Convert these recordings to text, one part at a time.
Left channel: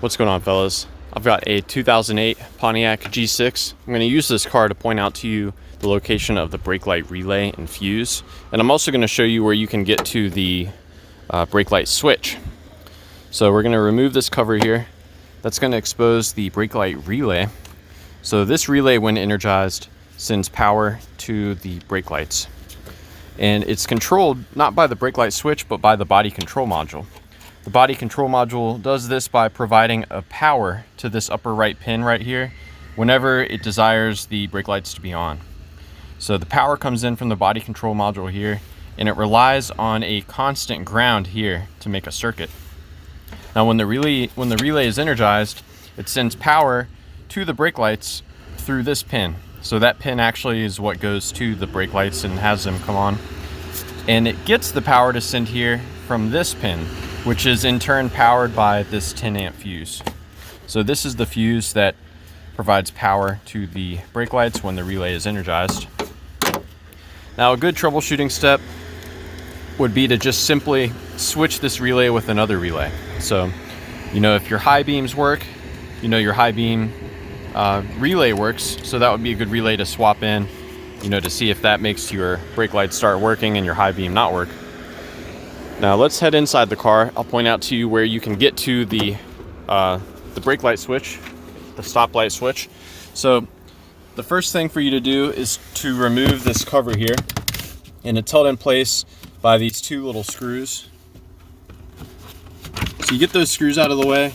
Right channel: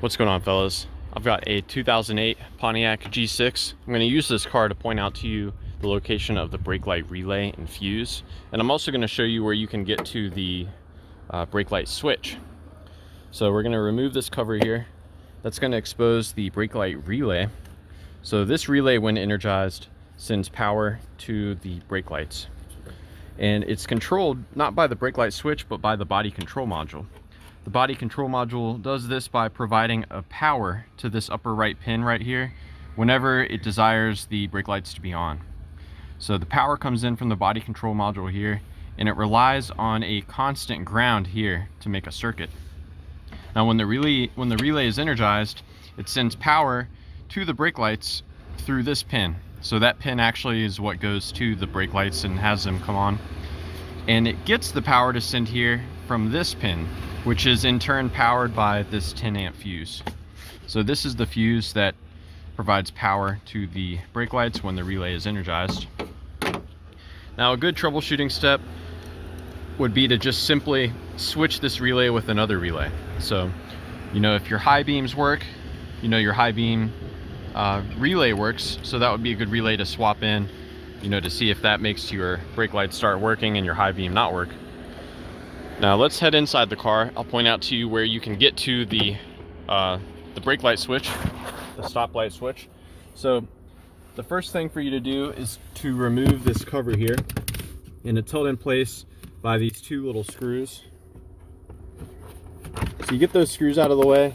What's going on, fellas? I've got a 2008 Pontiac G6. I'm going to use this car to point out to you the location of the brake light relay and fuse, and I'm also going to show you where you can get to the brake light switch. So we're going to remove this cover here. That's going to expose the brake light relay. So this relay, when energized, sends power to the brake lights, and it's controlled not by the brake light switch but by the body control module. The body control module does this by providing a power to this upper right pin right here whenever it desires the brake lights to be on. So the power comes in from the body control module here, and it relies on a constant ground here to make a circuit. Now when the relay is energized, it sends power to the brake lights through this pin. So that pin actually is what goes to the brake lights and has them come on. And it gets the power to send here from this pin, which is in turn powered by this 10 amp fuse. So this is the fuse that provides power to the brake lights when the relay is energized. Now a good troubleshooting step would be to just simply switch this relay with another relay. So, if your high beams work, your high beam relay works, so that would be a good relay to swap in, to see if that makes your brake lights start working and your high beam not work. Now let's head inside the car. I'll point out to you where you can get to the brake light switch, the stop light switch. So the first thing for you to do is to remove this cover here, and it's held in place by these two little screws. So you get those screws out of the way,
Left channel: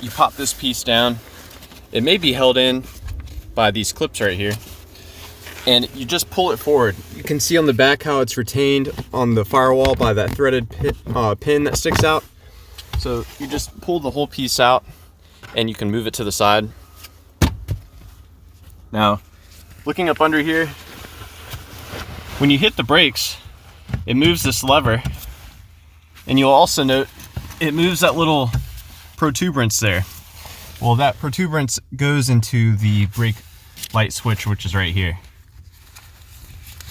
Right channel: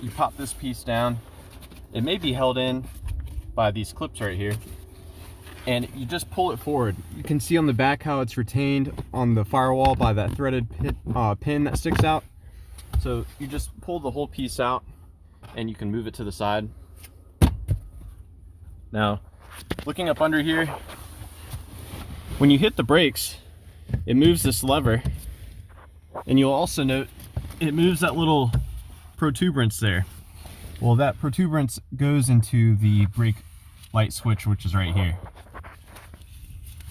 you pop this piece down. It may be held in by these clips right here, and you just pull it forward. You can see on the back how it's retained on the firewall by that threaded pin that sticks out. So you just pull the whole piece out and you can move it to the side. Now, looking up under here, when you hit the brakes, it moves this lever, and you'll also note it moves that little protuberance there. Well, that protuberance goes into the brake light switch, which is right here.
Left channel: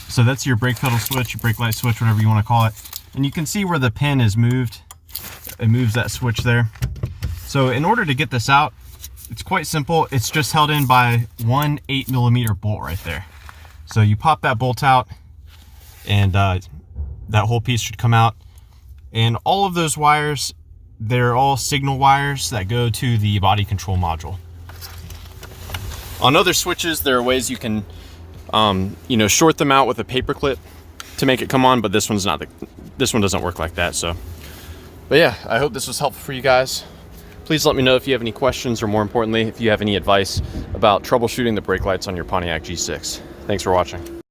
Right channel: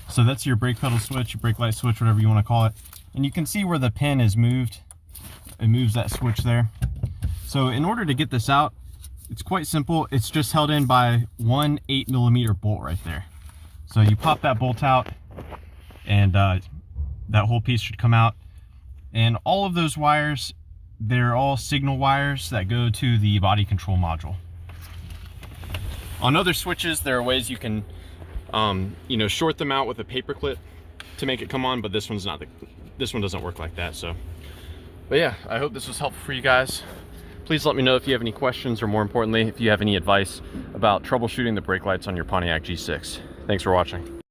So that's your brake pedal switch, your brake light switch, whatever you want to call it. And you can see where the pin is moved. It moves that switch there. So in order to get this out, it's quite simple. It's just held in by one 8mm bolt right there. So you pop that bolt out, and that whole piece should come out. And all of those wires, they're all signal wires that go to the body control module. On other switches, there are ways you can short them out with a paper clip to make it come on, but this one doesn't work like that. But yeah, I hope this was helpful for you guys. Please let me know if you have any questions, or more importantly, if you have any advice about troubleshooting the brake lights on your Pontiac G6. Thanks for watching.